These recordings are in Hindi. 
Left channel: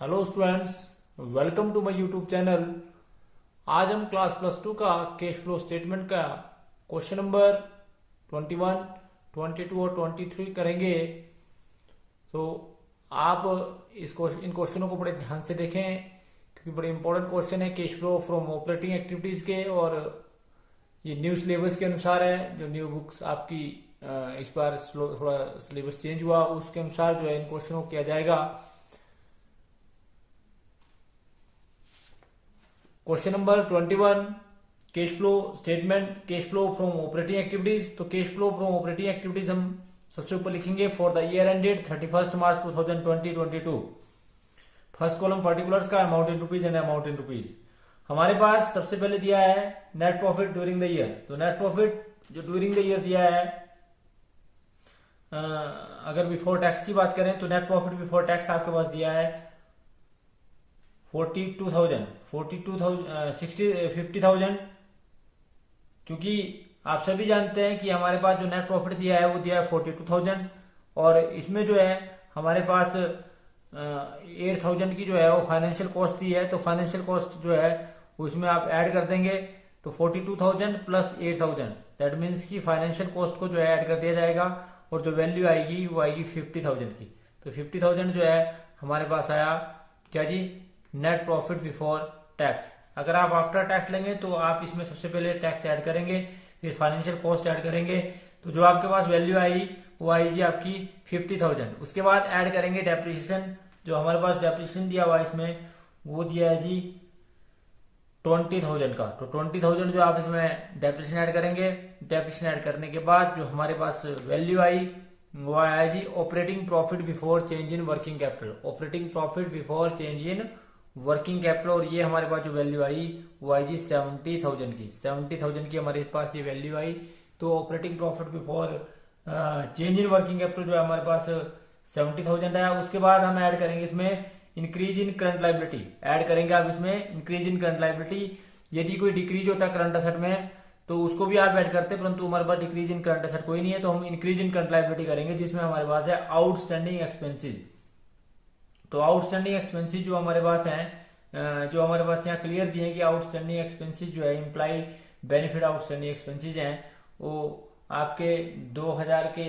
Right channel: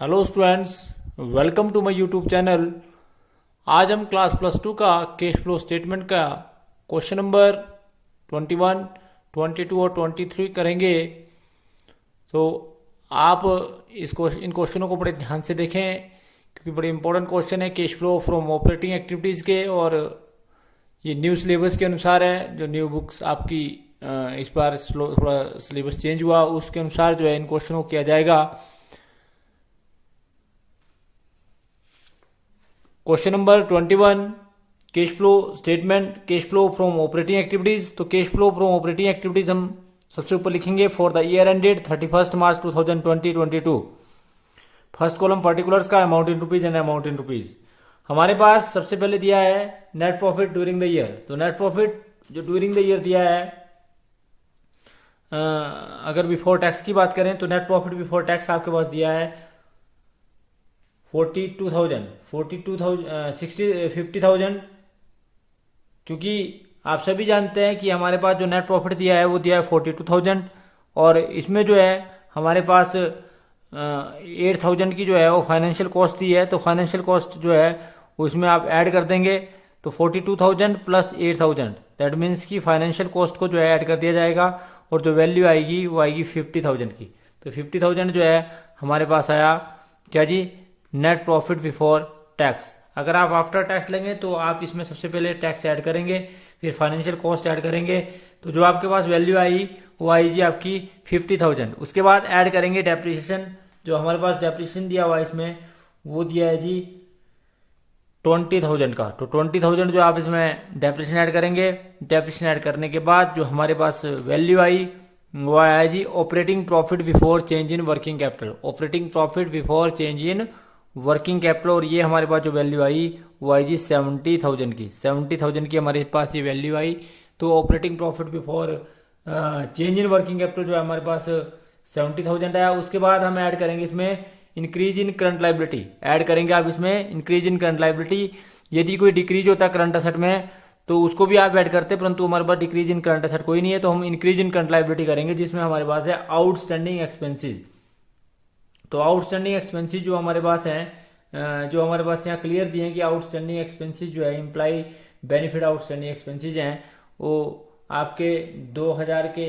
Hello students, welcome to my YouTube channel. आज हम क्लास प्लस टू का कैश फ्लो स्टेटमेंट का क्वेश्चन नंबर 21, 22 और 23 करेंगे। तो आप इन क्वेश्चनों को बड़े ध्यान से देखें क्योंकि बड़े इंपॉर्टेंट क्वेश्चन है cash flow from operating activities के। और ये न्यू सिलेबस के अनुसार है, जो न्यू बुक्स आपकी इस बार थोड़ा सिलेबस चेंज हुआ, उसके अनुसार जो है इन क्वेश्चनों को किया जाएगा। Question number 21, cash flow statement, cash flow from operating activities. तो cash flow from operating activities हम सबसे ऊपर लिखेंगे for the year ended 31 March 2020-22। First column particulars का amount in rupees and amount in rupees. हमारे पास सबसे पहले दिया है net profit during the year. तो नेट प्रॉफिट जो ड्यूरिंग द ईयर दिया है, अगर बिफोर टैक्स की बात करें तो नेट प्रॉफिट बिफोर टैक्स आपके पास दिया है 50,000, क्योंकि आप सभी जानते हैं कि हमारे पास जो नेट प्रॉफिट दिया है वो दिया है 42,000, और इसमें जो है हमारे पास 8,000 की जो है वो फाइनेंशियल कॉस्ट दी है। तो फाइनेंशियल कॉस्ट जो है वो इसमें आप ऐड कर देंगे, तो 42,000 प्लस 8,000, दैट मीन्स की फाइनेंशियल कॉस्ट को जो है ऐड कर दिया जाएगा, और जो वैल्यू आएगी वो आएगी 50,000 की। तो 50,000 जो है हमारे पास आया क्या जी, नेट प्रॉफिट बिफोर टैक्स। अगर आप आफ्टर टैक्स लेंगे तो आप इसमें सबसे पहले टैक्स ऐड करेंगे, फिर फाइनेंशियल कॉस्ट ऐड करेंगे, तो जो आपके पास वैल्यू आई वो आई जी आपकी 50,000। उसके बाद ऐड करेंगे डेप्रिसिएशन, जो हमारे पास डेप्रिसिएशन दिया हुआ है इसमें वो दिया है जी 20,000 का। तो 20,000 जो आप इसमें डेप्रिसिएशन ऐड करेंगे, डेप्रिसिएशन ऐड करने के बाद जो हमारे पास वैल्यू आई वो आया जी operating profit before change in working capital. Operating profit before change in working capital, और ये हमारे पास जो वैल्यू आई वो आई जी 70,000 की। 70,000 की हमारे पास ये वैल्यू आई। तो operating profit before change in working capital जो है हमारे पास 70,000 आया। उसके बाद हम ऐड करेंगे इसमें increase in current liability, add करेंगे आप इसमें इंक्रीज इन करंट लाइबिलिटी। यदि कोई डिक्रीज होता है करंट असेट में तो उसको भी आप ऐड करते, परंतु हमारे पास डिक्रीज इन करंट असेट कोई नहीं है, तो हम इंक्रीज इन करंट लाइबिलिटी करेंगे, जिसमें हमारे पास है आउटस्टैंडिंग एक्सपेंसेस। तो आउटस्टैंडिंग एक्सपेंसेस जो हमारे पास हैं, जो हमारे पास यहाँ क्लियर दिए हैं कि आउटस्टैंडिंग एक्सपेंसेस जो है इम्प्लाई बेनिफिट आउटस्टैंडिंग एक्सपेंसेस हैं, वो आपके 2,000 के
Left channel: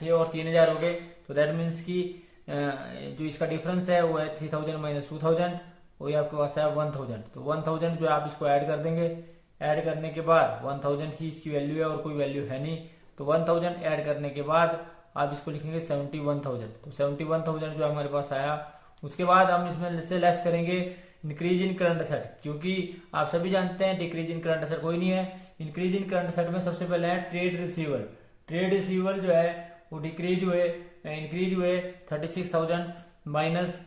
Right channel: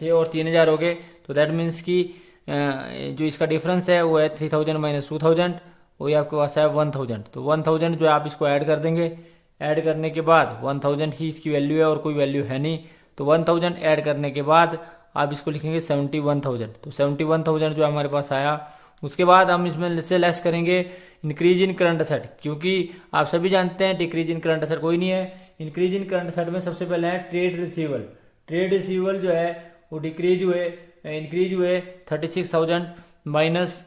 थे और 3,000 हो गए। तो दैट मीन्स की जो इसका डिफरेंस है वो है 3,000 माइनस 2,000, वही आपके पास है 1,000। तो 1,000 जो है आप इसको ऐड कर देंगे। ऐड करने के बाद 1,000 ही इसकी वैल्यू है और कोई वैल्यू है नहीं, तो 1,000 ऐड करने के बाद आप इसको लिखेंगे 71,000। तो 71,000 जो हमारे पास आया। उसके बाद हम इसमें से लेस करेंगे इंक्रीज इन करंट असेट, क्योंकि आप सभी जानते हैं डिक्रीज इन करंट असेट कोई नहीं है। इंक्रीज इन करंट असेट में सबसे पहले है ट्रेड रिसीवल। ट्रेड रिसीवल जो है वो डिक्रीज हुए, इंक्रीज हुए 36,000 माइनस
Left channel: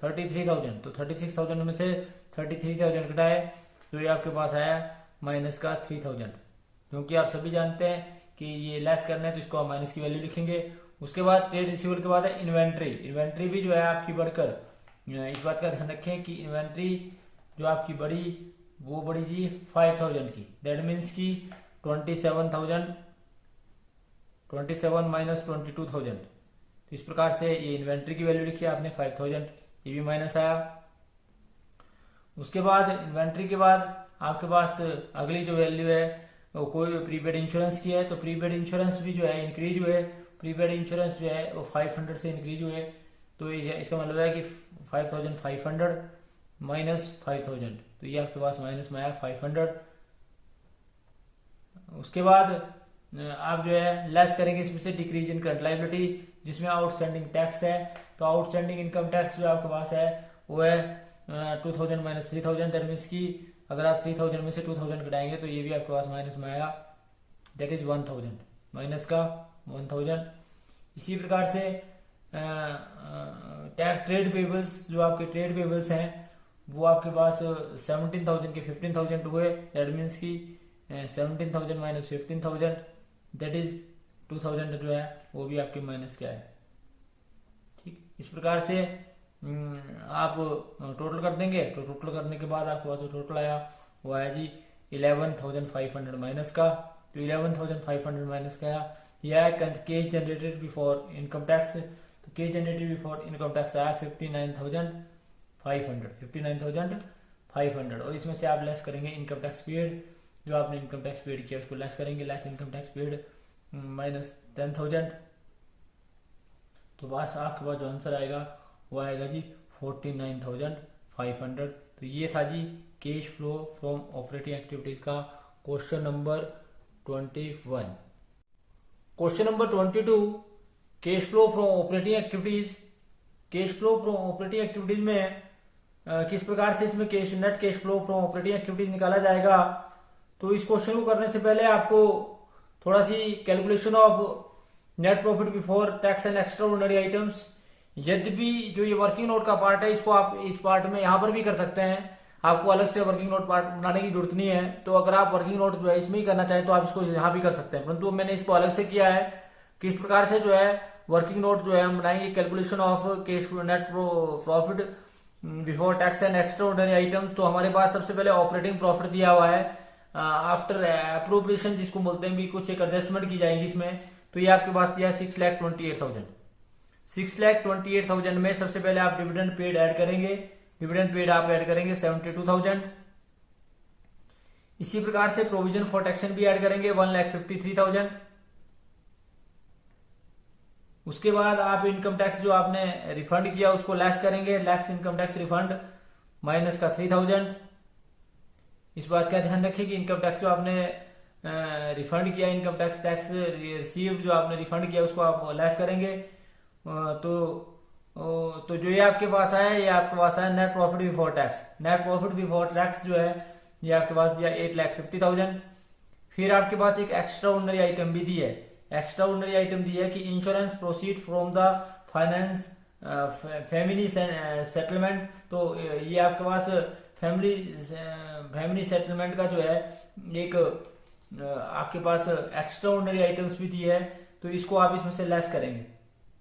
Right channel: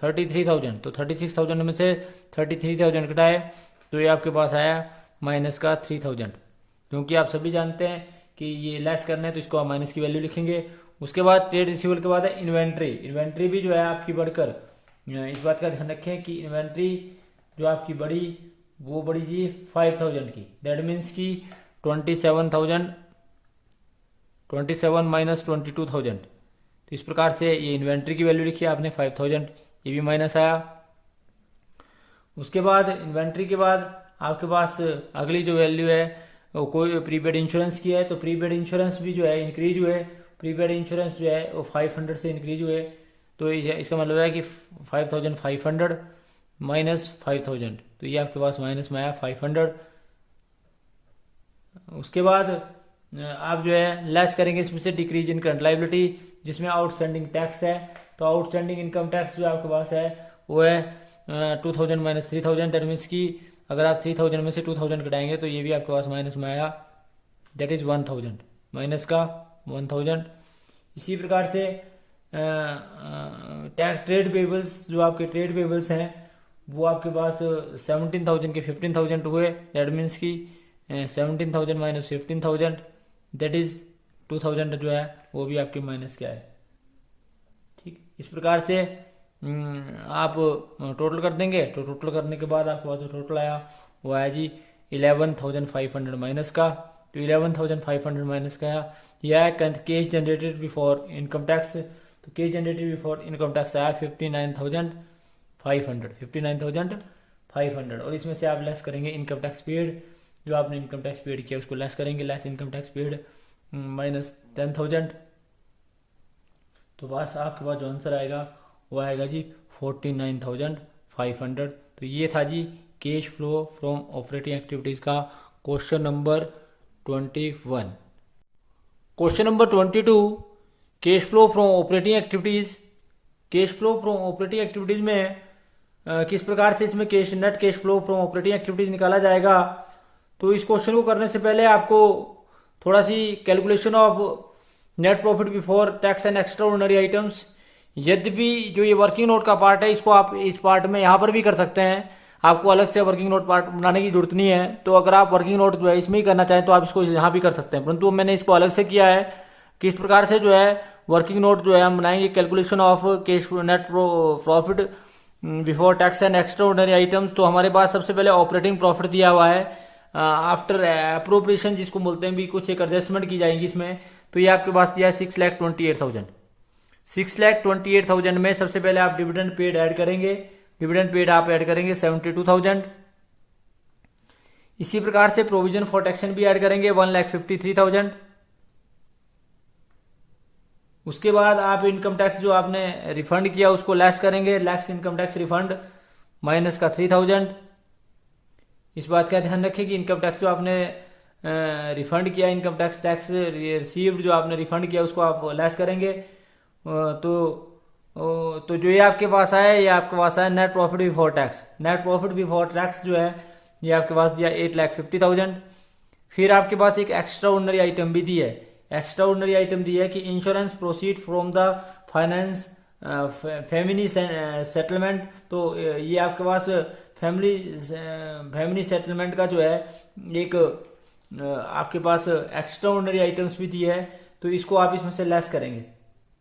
33,000। तो 36,000 में से 33,000 घटाए तो ये आपके पास आया माइनस का 3,000, क्योंकि आप सभी जानते हैं कि ये लेस करना है तो इसको हम माइनस की वैल्यू लिखेंगे। उसके बाद ट्रेड रिसीवल के बाद है इन्वेंट्री। इन्वेंट्री भी जो है आपकी बढ़कर, इस बात का ध्यान रखें कि इन्वेंट्री जो आपकी बढ़ी वो बढ़ी जी 5,000 की, दैट मीन्स की 27 माइनस 22,000। तो इस प्रकार से ये इन्वेंट्री की वैल्यू लिखी आपने 5,000, ये भी माइनस आया। उसके बाद इन्वेंट्री के बाद आपके पास अगली जो वैल्यू है वो कोई प्रीपेड इंश्योरेंस की है। तो प्रीपेड इंश्योरेंस भी जो है इंक्रीज हुए, प्रीपेड इंश्योरेंस जो है वो 500 से इंक्रीज हुए। तो इसका मतलब है कि 5,500 माइनस 5,000, तो ये आपके पास माइनस में आया 500। उसके बाद आप जो है लेस करेंगे इसमें से डिक्रीज इन करंट लाइबिलिटी, जिसमें आउटस्टैंडिंग टैक्स है। तो आउटस्टैंडिंग इनकम टैक्स जो आपके पास है वो है 2,000 माइनस 3,000, दैट मीन्स की अगर आप 3,000 में से 2,000 घटाएंगे तो ये भी आपके पास माइनस में आया, दैट इज 1,000, माइनस का 1,000। इसी प्रकार से टैक्स ट्रेड पेबल्स, जो आपके ट्रेड पेबल्स हैं वो आपके पास 17,000 के 15,000 हुए, दैट मीन्स की 17,000 माइनस 15,000, दैट इज 2,000 जो है वो भी आपके माइनस क्या है। ठीक, इस प्रकार से आप टोटल कर देंगे। तो टोटल करने के बाद आपके पास जो टोटल आया वो आया जी 11,500 माइनस का। तो 11,500 माइनस का आया। यह है cash generated before income tax. तो cash generated before income tax आया 59,500 और इसमें से आप लेस करेंगे इनकम टैक्स पेड, जो आपने इनकम टैक्स पेड किया उसको लेस करेंगे, less income tax paid minus 10,000। तो बस आपके पास जो आंसर आएगा वो आएगा जी 49,500। तो ये था जी cash flow from operating activities का question number 21। Question number 22, cash flow from operating activities. Cash flow from operating activities में किस प्रकार से इसमें net cash flow from operating activities निकाला जाएगा। तो इस क्वेश्चन को करने से पहले आपको थोड़ा सी calculation of net profit before tax and extraordinary items, यद्यपि जो ये वर्किंग नोट का पार्ट है इसको आप इस पार्ट में यहाँ पर भी कर सकते हैं, आपको अलग से वर्किंग नोट पार्ट बनाने की जरूरत नहीं है। तो अगर आप वर्किंग नोट जो है इसमें ही करना चाहें तो आप इसको यहाँ भी कर सकते हैं, परंतु मैंने इसको अलग से किया है। किस प्रकार से जो है वर्किंग नोट जो है हम बनाएंगे, calculation of cash net profit before tax and extraordinary items. तो हमारे पास सबसे पहले ऑपरेटिंग प्रॉफिट दिया हुआ है आफ्टर अप्रोप्रिएशन, जिसको बोलते हैं भी कुछ एक एडजस्टमेंट की जाएगी इसमें। तो ये आपके पास दिया है 6,28,000। 6,28,000 में सबसे पहले आप डिविडेंड पेड ऐड करेंगे, डिविडेंड पेड आप ऐड करेंगे 72,000। इसी प्रकार से प्रोविजन फॉर टैक्सेशन भी ऐड करेंगे 1,53,000। उसके बाद आप इनकम टैक्स जो आपने रिफंड किया उसको लेस करेंगे, less income tax refund minus का 3,000। इस बात का ध्यान रखें कि इनकम टैक्स जो आपने रिफंड किया, इनकम टैक्स रिसीव्ड जो आपने रिफंड किया उसको आप लेस करेंगे। तो जो ये आपके पास आया, ये आपके पास आया net profit before tax. Net profit before tax जो है ये आपके पास दिया 8,50,000। फिर आपके पास एक एक्स्ट्रा ऑर्डिनरी आइटम भी दी है, एक्स्ट्रा ऑर्डिनरी आइटम दी है कि insurance proceed from the finance family settlement. तो ये आपके पास फैमिली सेटलमेंट का जो है एक आपके पास एक्स्ट्रा ऑर्डिनरी आइटम्स भी दी है, तो इसको आप इसमें से लेस करेंगे।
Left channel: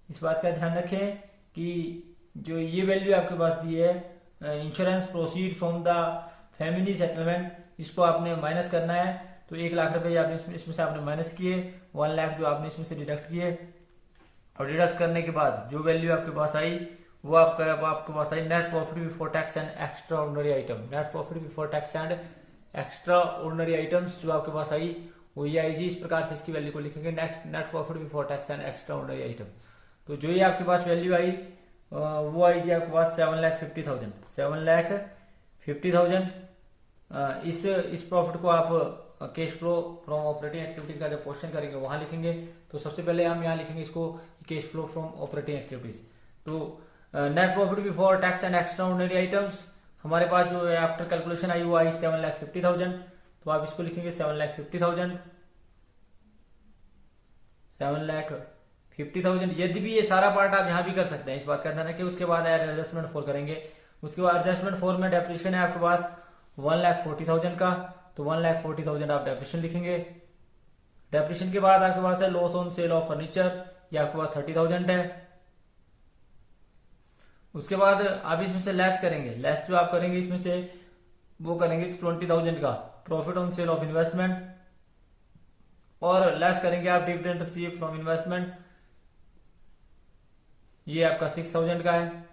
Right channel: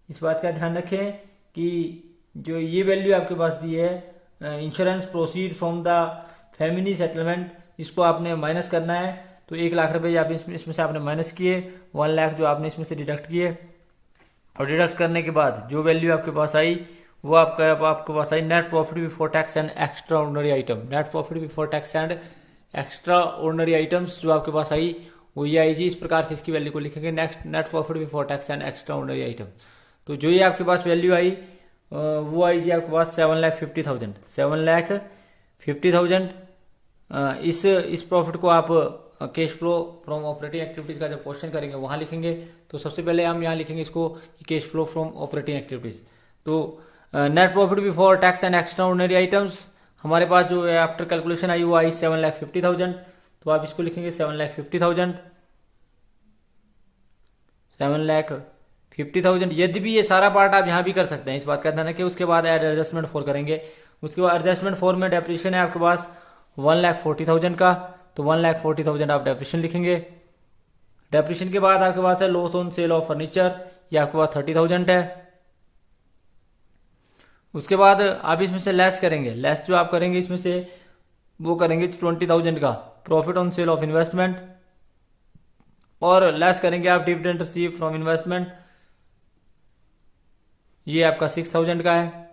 इस बात का ध्यान रखें कि जो ये वैल्यू आपके पास दी है insurance proceed from the family settlement, इसको आपने माइनस करना है। तो 1,00,000 रुपये आप इसमें से आपने माइनस किए, 1,00,000 जो आपने इसमें से डिडक्ट किए, और डिडक्ट करने के बाद जो वैल्यू आपके पास आई वो आपके पास आई net profit before tax and extraordinary item. Net profit before tax and extraordinary items जो आपके पास आई वो ये आई जी। इस प्रकार से इसकी वैल्यू को लिखेंगे net profit before tax and extraordinary item. तो जो ये आपके पास वैल्यू आई वो आई जी आपके पास 7,50,000। 7,50,000 इस प्रॉफिट को आप cash flow from operating activities का जब क्वेश्चन करेंगे वहां लिखेंगे। तो सबसे पहले हम यहाँ लिखेंगे इसको cash flow from operating activities. तो net profit before tax and extraordinary items हमारे पास जो है आफ्टर कैलकुलेशन आई वो आई 7,50,000। तो आप इसको लिखेंगे 7,50,000। 7,50,000। यदि ये सारा पार्ट आप यहाँ भी कर सकते हैं, इस बात का ध्यान रखिए। उसके बाद एड एडजस्टमेंट फोर करेंगे। उसके बाद एडजस्टमेंट फोर में डेप्रिसिएशन है आपके पास 1,40,000 का, तो 1,40,000 आप डेप्रिसिएशन लिखेंगे। डेप्रिसिएशन के बाद आपके पास है loss on sale of furniture, ये आपके पास 30,000 है। उसके बाद आप इसमें से लेस करेंगे, लेस जो आप करेंगे इसमें से वो करेंगे 20,000 का profit on sale of investment, और लेस करेंगे आप डिविडेंड रिसीव फ्रॉम इन्वेस्टमेंट, ये आपका 6,000 का है।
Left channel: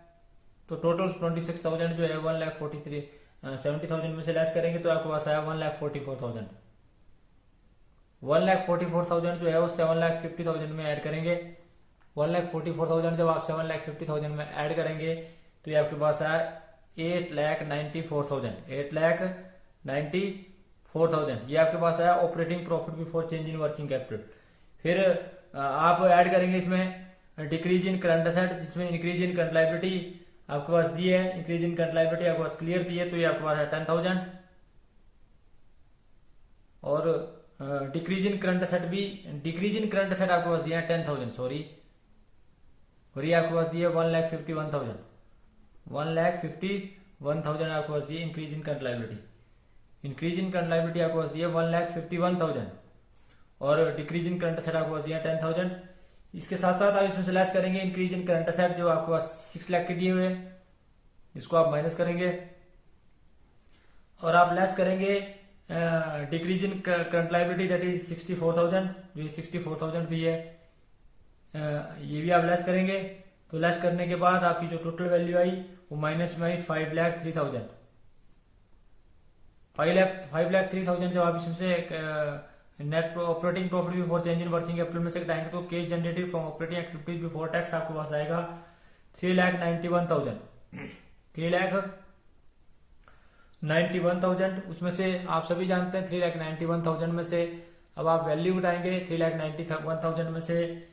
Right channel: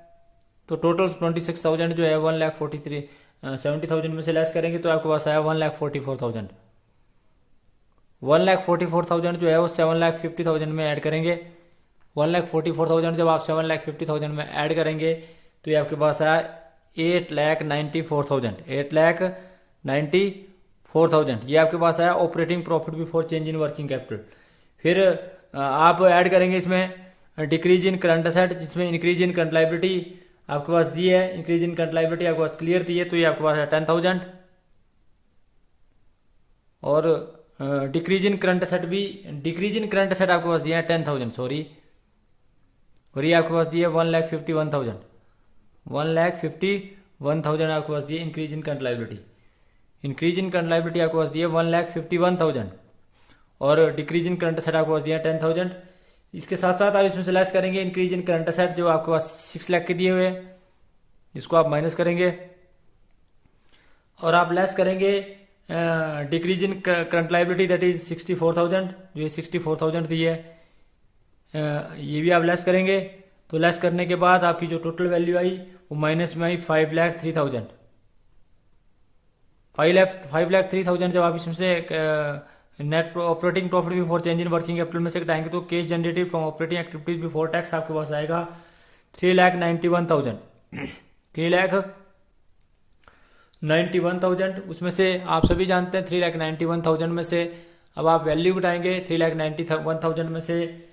तो टोटल 26,000 जो है 1,70,000 में से लेस करेंगे तो आपके पास आया 1,44,000। 1,44,000 जो है वो 7,50,000 में ऐड करेंगे। 1,44,000 जब आप 7,50,000 में ऐड करेंगे तो ये आपके पास आया 8,94,000। 8,94,000 ये आपके पास आया operating profit before change in working capital. फिर आप ऐड करेंगे इसमें डिक्रीज इन करंट एसेट, जिसमें इंक्रीज इन करंट लायबिलिटी आपके पास दी है, इंक्रीज इन करंट लायबिलिटी आपके पास क्लियर दी है, तो ये आपके पास है 10,000। और डिक्रीज इन करंट एसेट भी, डिक्रीज इन करंट एसेट आपके पास दिया है 10,000 सॉरी, और ये आपके पास दिया 1,51,000। 1,51,000 आपके पास दिए increase in current liability. Increase in current liability आपके पास दिया 1,51,000 और डिक्रीज इन करंट एसेट आपके पास दिया 10,000। इसके साथ साथ आप इसमें से लेस करेंगे इंक्रीज इन करंट एसेट जो आपके पास 6 लाख के दिए हुए हैं, इसको आप माइनस करेंगे, और आप लेस करेंगे decrease in current liability that is 64,000, जो 64,000 दी है, ये भी आप लेस करेंगे। तो लेस करने के बाद आपकी जो टोटल वैल्यू आई वो माइनस में आई 5,03,000। 5,03,000 जब आप इसमें से net operating profit before change in working capital में से घटाएंगे तो cash generated from operating activities before tax आपके पास आएगा 3,91,000। 3,91,000 उसमें से आप सभी जानते हैं 3,91,000 में से अब आप वैल्यू घटाएंगे 3,91,000 में से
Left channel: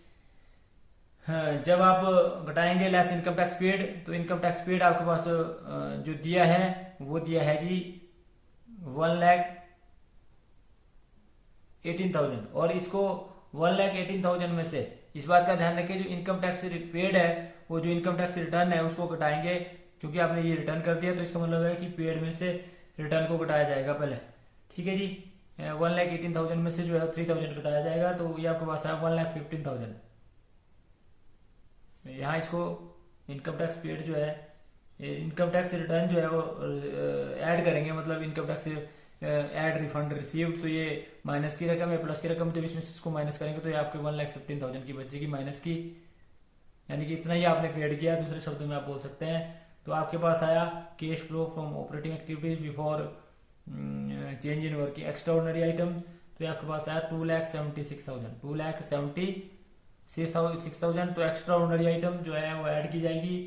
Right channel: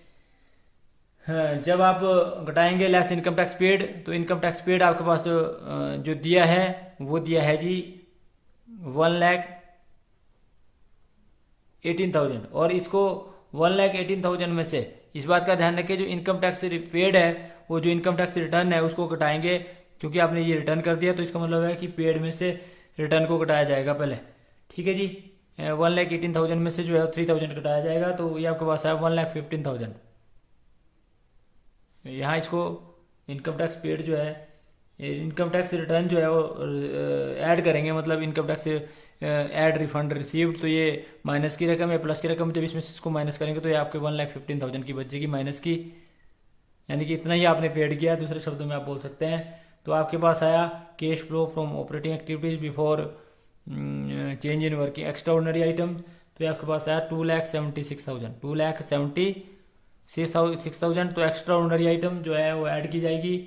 जब आप घटाएंगे लेस इनकम टैक्स पेड, तो इनकम टैक्स पेड आपके पास जो दिया है वो दिया है जी 1,18,000। और इसको 1,18,000 में से इस बात का ध्यान रखिए जो इनकम टैक्स पेड है वो जो इनकम टैक्स रिटर्न है उसको घटाएंगे, क्योंकि आपने ये रिटर्न कर दिया तो इसका मतलब है कि पेड में से रिटर्न को घटाया जाएगा पहले। ठीक है जी, 1,18,000 में से जो है 3,000 घटाया जाएगा, तो ये आपके पास है 1,15,000। यहाँ इसको इनकम टैक्स पेड जो है इनकम टैक्स रिटर्न जो है वो ऐड करेंगे, मतलब income tax add refund received, तो ये माइनस की रकम है प्लस की रकम, जब इसमें से इसको माइनस करेंगे तो ये आपके 1,15,000 की बचेगी माइनस की, यानी कि इतना ही आपने पेड किया, दूसरे शब्दों में आप बोल सकते हैं। तो आपके पास आया cash flow from operating activities before change in working extra ordinary item, तो ये आपके पास आया 2,76,000। 2,76,000 तो एक्स्ट्रा ऑर्डिनरी आइटम जो है वो ऐड की जाएगी,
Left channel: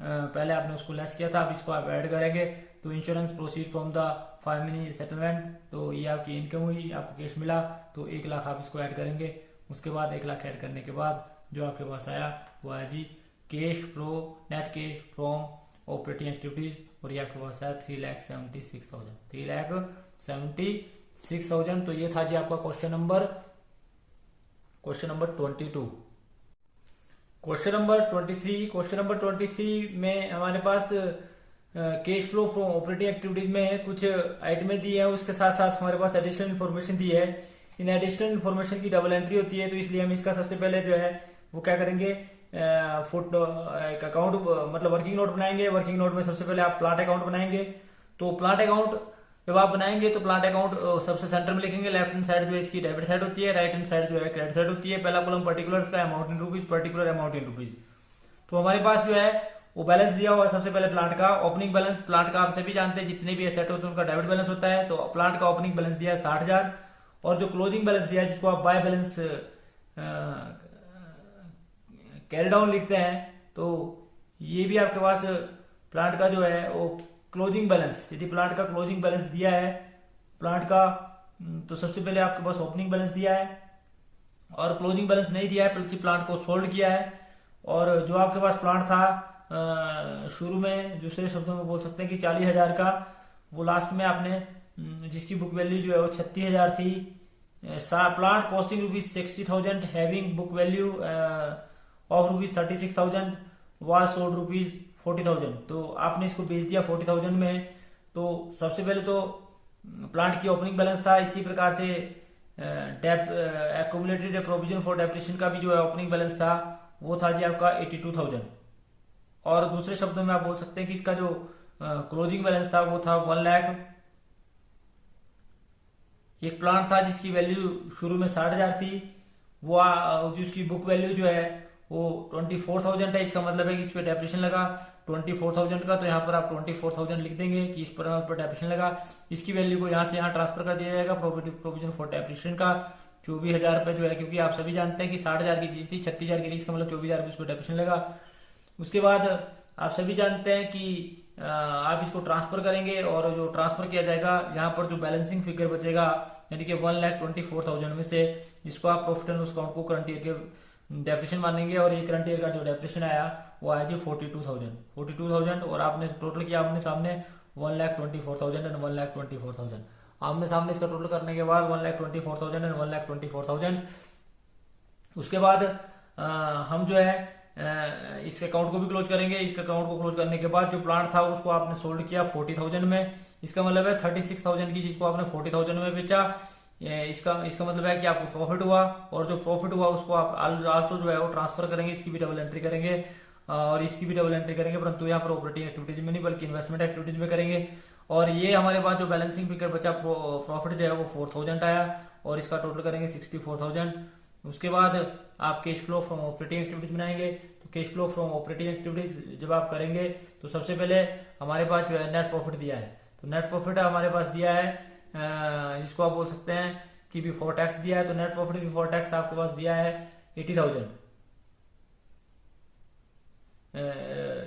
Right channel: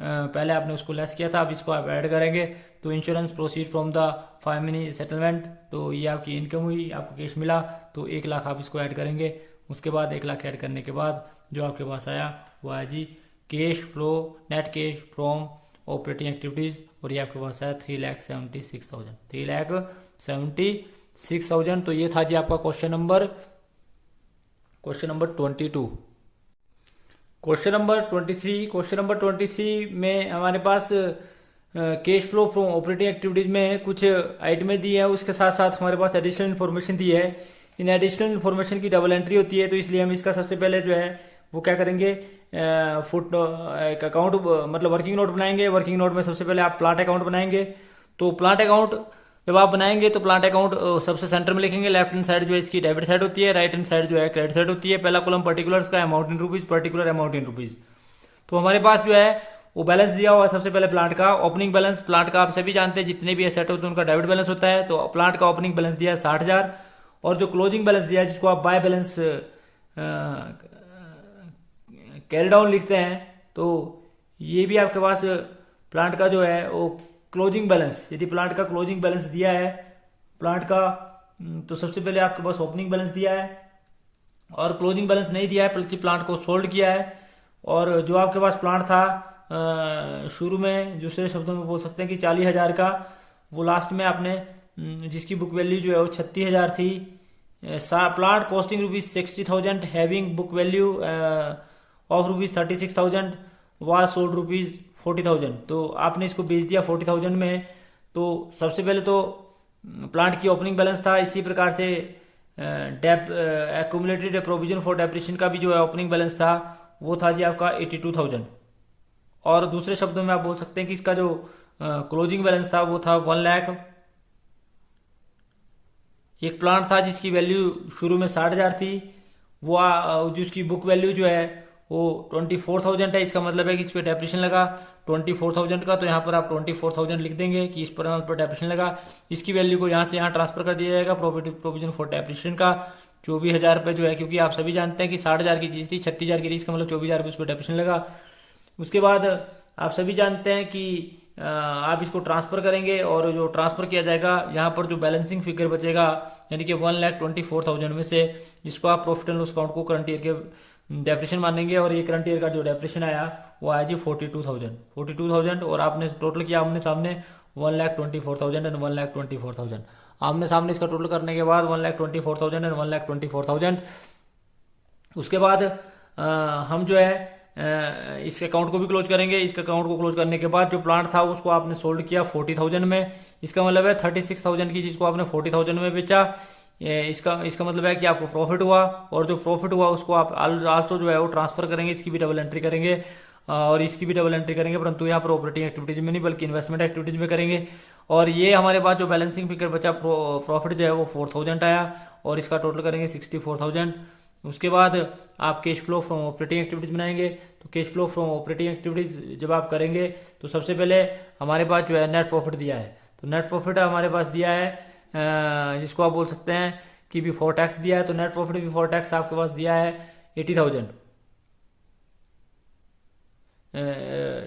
पहले आपने उसको लेस किया था, अब इसको आप ऐड करेंगे। तो इंश्योरेंस प्रोसीड फ्रॉम द फाइमिनी सेटलमेंट, तो ये आपकी इनकम हुई, आपको कैश मिला, तो 1,00,000 आप इसको ऐड करेंगे। उसके बाद 1,00,000 ऐड करने के बाद जो आपके पास आया वो आया जी cash flow net cash from operating activities, और ये आपके पास आया 3,76,000। 3,76,000। तो ये था जी आपका क्वेश्चन नंबर 22। क्वेश्चन नंबर 23 में हमारे पास cash flow from operating activities में कुछ आइटमें दी है, उसके साथ साथ हमारे पास एडिशनल इन्फॉर्मेशन दी है। इन एडिशनल इन्फॉर्मेशन की डबल एंट्री होती है, तो इसलिए हम इसका सबसे पहले जो है वो क्या करेंगे, एक अकाउंट मतलब वर्किंग नोट बनाएंगे। वर्किंग नोट में सबसे पहले आप प्लांट अकाउंट बनाएंगे। तो प्लांट अकाउंट जब आप बनाएंगे तो प्लांट अकाउंट सबसे सेंटर में लिखेंगे, लेफ्ट हैंड साइड जो है इसकी डेबिट साइड होती है, राइट हैंड साइड जो है क्रेडिट साइड होती है। पहला कॉलम पर्टिकुलर्स का amount in rupees, particular amount in rupees. तो हमारे पास जो है वो बैलेंस दिया हुआ है सबसे पहले प्लांट का ओपनिंग बैलेंस। प्लांट का आप सभी जानते हैं जितने भी एसेट होते हैं उनका डेबिट बैलेंस होता है, तो प्लांट का ओपनिंग बैलेंस दिया है 60,000, और जो क्लोजिंग बैलेंस दिया है जिसको आप बाय बैलेंस कैरी डाउन लिखते हैं, तो ये भी आपके पास प्लांट का जो है वो क्लोजिंग बैलेंस, यदि प्लांट का क्लोजिंग बैलेंस दिया है प्लांट का, तो सबसे पहले आपके पास ओपनिंग बैलेंस दिया है, और क्लोजिंग बैलेंस नहीं दिया है बल्कि प्लांट को सोल्ड किया है। और जो आपके पास प्लांट था शुरू में, दूसरे शब्दों में बोल सकते हैं कि 40,000 का, वो लास्ट में आपने जिसकी बुक वैल्यू जो है वो 36,000 थी। Plant costing ₹60,000 having book value of ₹36,000 was sold ₹40,000। तो आपने इसको बेच दिया 40,000 में। तो सबसे पहले तो प्लांट की ओपनिंग बैलेंस था, इसी प्रकार से एक्यूमुलेटेड प्रोविजन फॉर डेप्रिसिएशन का भी जो है ओपनिंग बैलेंस था वो था जी आपका 82,000। और दूसरे शब्दों में आप बोल सकते हैं कि इसका जो क्लोजिंग बैलेंस था वो था 1,00,000। एक प्लांट था जिसकी वैल्यू शुरू में 60,000 थी, वो जो उसकी बुक वैल्यू जो है वो 24,000 है। इसका मतलब है कि इस पर डेप्रिसिएशन लगा 24,000 का, तो यहाँ पर आप 24,000 लिख देंगे कि इस पर डेप्रिसिएशन लगा। इसकी वैल्यू को यहाँ से यहाँ ट्रांसफर कर दिया जाएगा प्रोविजन फॉर डेप्रिसिएशन का 24,000 रुपये जो है, क्योंकि आप सभी जानते हैं कि 60,000 की चीज थी 36,000 की थी, इसका मतलब 24,000 रुपये उस पर डेप्रिसिएशन लगा। उसके बाद आप सभी जानते हैं कि आप इसको ट्रांसफर करेंगे, और जो ट्रांसफर किया जाएगा यहाँ पर जो बैलेंसिंग फिगर बचेगा यानी कि 1,24,000 में से, जिसको आप प्रॉफिट एंड लॉस अकाउंट को करंट ईयर के डेप्रिसिएशन मानेंगे, और ये करंट ईयर का जो डेप्रिसिएशन आया वो आया जी 42,000। और आपने टोटल किया आमने सामने 1,24,000 एंड 1,24,000। आमने सामने इसका टोटल करने के बाद 1,24,000 एंड 1,24,000। उसके बाद हम जो है इस अकाउंट को भी क्लोज करेंगे। इस अकाउंट को क्लोज करने के बाद जो प्लांट था उसको आपने सोल्ड किया 40,000 में। इसका मतलब है 36,000 की चीज को आपने 40,000 में बेचा। इसका मतलब है कि आपको प्रॉफिट हुआ, और जो प्रॉफिट हुआ उसको आप आल्सो जो है वो ट्रांसफर करेंगे, इसकी भी डबल एंट्री करेंगे और इसकी भी डबल एंट्री करेंगे, परंतु यहाँ पर ऑपरेटिंग एक्टिविटीज में नहीं बल्कि इन्वेस्टमेंट एक्टिविटीज में करेंगे। और ये हमारे पास जो बैलेंसिंग फिगर बचा प्रॉफिट जो है वो 4,000 आया, और इसका टोटल करेंगे 64,000। उसके बाद आप cash flow from operating activities बनाएंगे, तो cash flow from operating activities जब आप करेंगे तो सबसे पहले हमारे पास जो है नेट प्रॉफिट दिया है। तो नेट प्रॉफिट हमारे पास दिया है जिसको आप बोल सकते हैं कि बिफोर टैक्स दिया है। तो नेट प्रॉफिट बिफोर टैक्स आपके पास दिया है 80,000।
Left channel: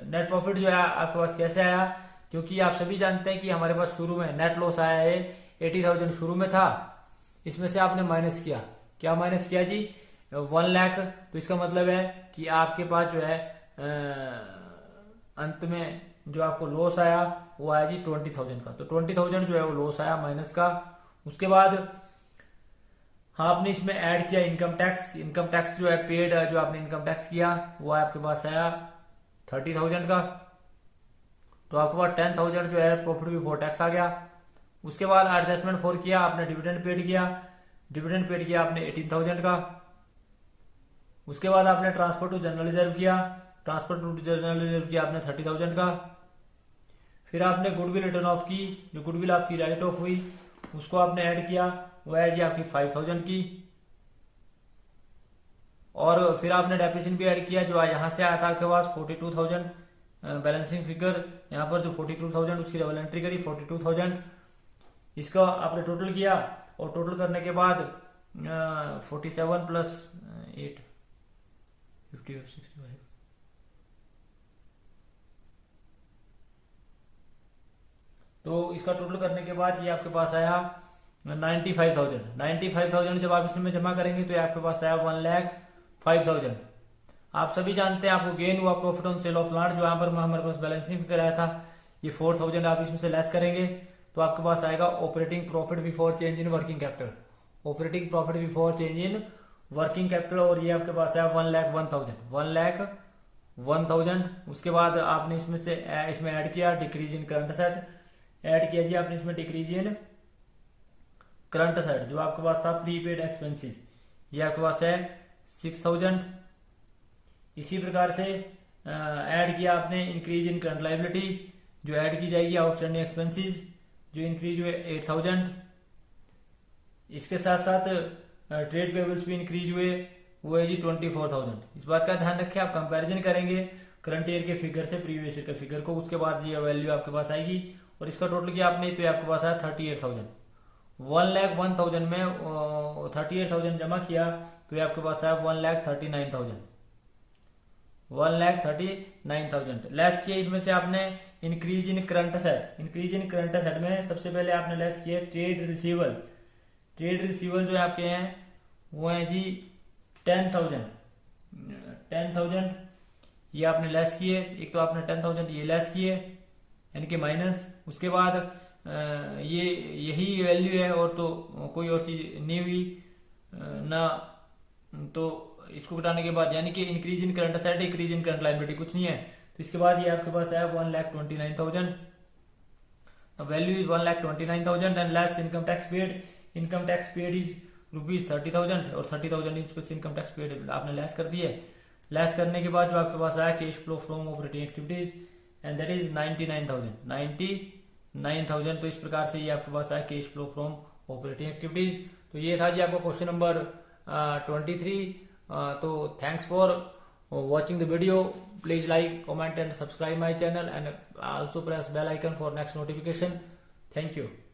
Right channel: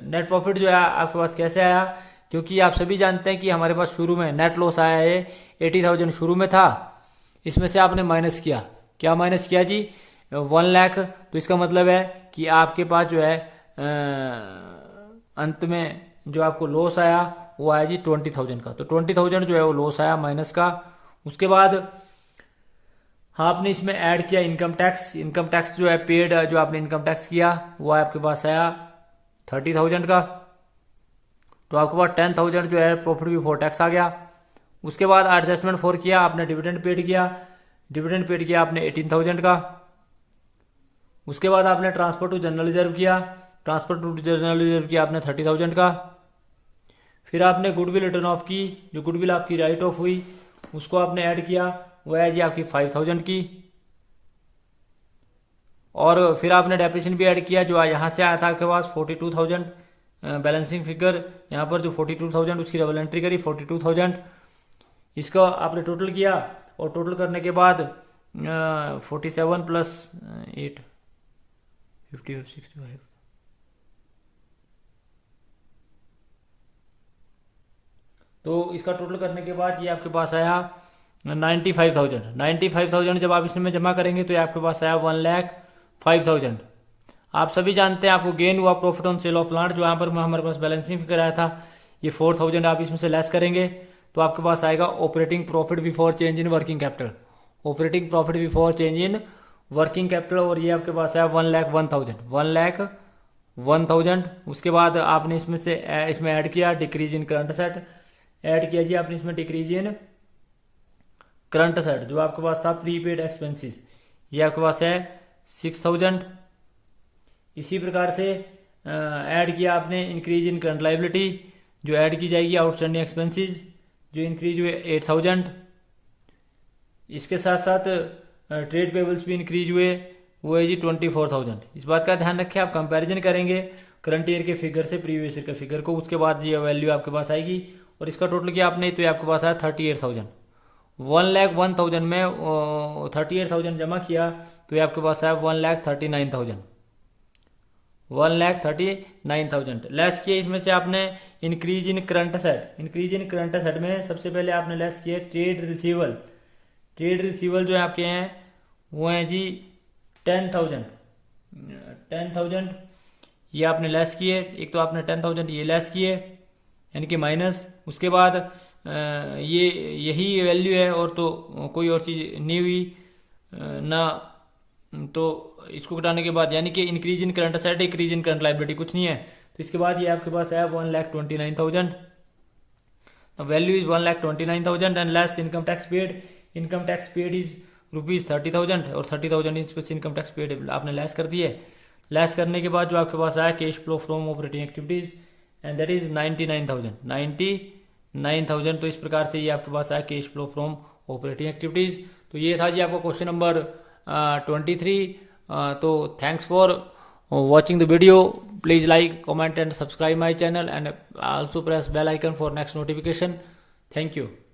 नेट प्रॉफिट जो है आपके पास कैसे आया, क्योंकि आप सभी जानते हैं कि हमारे पास शुरू में नेट लॉस आया है 80,000 शुरू में था। इसमें से आपने माइनस किया, क्या माइनस किया जी 1 लाख। तो इसका मतलब है कि आपके पास जो है अंत में जो आपको लॉस आया वो आया जी 20,000 का। तो 20,000 जो है वो लॉस आया माइनस का। उसके बाद आपने इसमें ऐड किया इनकम टैक्स। इनकम टैक्स जो है पेड जो आपने इनकम टैक्स किया वो आपके पास आया 30,000 का। तो आपके पास 10,000 जो है प्रॉफिट बिफोर टैक्स आ गया। उसके बाद एडजस्टमेंट फॉर किया आपने, डिविडेंड पेड किया। डिविडेंड पेड किया आपने 18,000 का। उसके बाद आपने ट्रांसफर टू जनरल रिजर्व किया। ट्रांसफर टू जनरल रिजर्व किया आपने 30,000 का। फिर आपने गुडविल रिटर्न ऑफ की, जो गुडविल आपकी राइट ऑफ हुई उसको आपने ऐड किया, वो है जी आपकी 5,000 की। और फिर आपने डेप्रिसिएशन भी ऐड किया, जो यहाँ से आया था आपके पास 42,000 बैलेंसिंग फिगर। यहाँ पर जो 42,000 उसकी डबल एंट्री करी 42,000, इसका आपने टोटल किया। और टोटल करने के बाद 47 प्लस 8 55 तो इसका टोटल करने के बाद ये आपके पास आया 95,000। 95,000 जब आप इसमें जमा करेंगे तो ये आपके पास आया 1,05,000। आप सभी जानते हैं आपको गेन हुआ profit on sale of land, जो यहाँ पर हमारे पास बैलेंसिंग फिगर आया था ये 4,000 आप इसमें से लेस करेंगे तो आपके पास आएगा operating profit before change in working capital. Operating profit before change in working capital, और ये आपके पास आया 1,01,000। 1,01,000। उसके बाद आपने इसमें ऐड किया decrease in current asset. Add किया जी आपने इसमें डिक्रीज इन करंट असेट, जो आपके पास था प्रीपेड एक्सपेंसेस, ये आपके पास है 6,000। इसी प्रकार से ऐड किया आपने इंक्रीज इन करंट लाइबिलिटी, जो ऐड की जाएगी आउटस्टैंडिंग एक्सपेंसेस, जो इंक्रीज हुए 8,000। इसके साथ साथ ट्रेड पेबल्स भी इंक्रीज हुए, वो है जी 24,000। इस बात का ध्यान रखें, आप कंपैरिजन करेंगे करंट ईयर के फिगर से प्रीवियस ईयर के फिगर को, उसके बाद ये वैल्यू आपके पास आएगी। और इसका टोटल किया आपने तो ये आपके पास आया 38,000। 1,01,000 में 38,000 जमा किया तो ये आपके पास आया 1,39,000। 1,39,000 लेस किए। इसमें से आपने increase in current asset, increase in current asset में सबसे पहले आपने लेस किया ट्रेड रिसीवल। ट्रेड रिसीवल जो है आपके हैं वो है जी 10,000 ये आपने लेस किए। एक तो आपने 10,000 ये लेस किए यानी कि माइनस। उसके बाद ये यही वैल्यू है और तो कोई और चीज नहीं हुई ना, तो इसको घटाने के बाद यानी कि increase in current asset increase in current liability कुछ नहीं है। तो इसके बाद ये आपके पास आया 1,29,000। Value is 1,29,000 and less income tax paid. Income tax paid is ₹30,000 और 30,000 इनकम टैक्स पेड आपने लेस कर दिए। लेस करने के बाद जो आपके पास आया cash flow from operating activities and that is 99,000। तो इस प्रकार से ये आपके पास आया cash flow from operating activities. तो ये था जी आपका क्वेश्चन नंबर 23। तो thanks for watching the video. Please like, comment and subscribe my channel and also press bell icon for next notification. Thank you.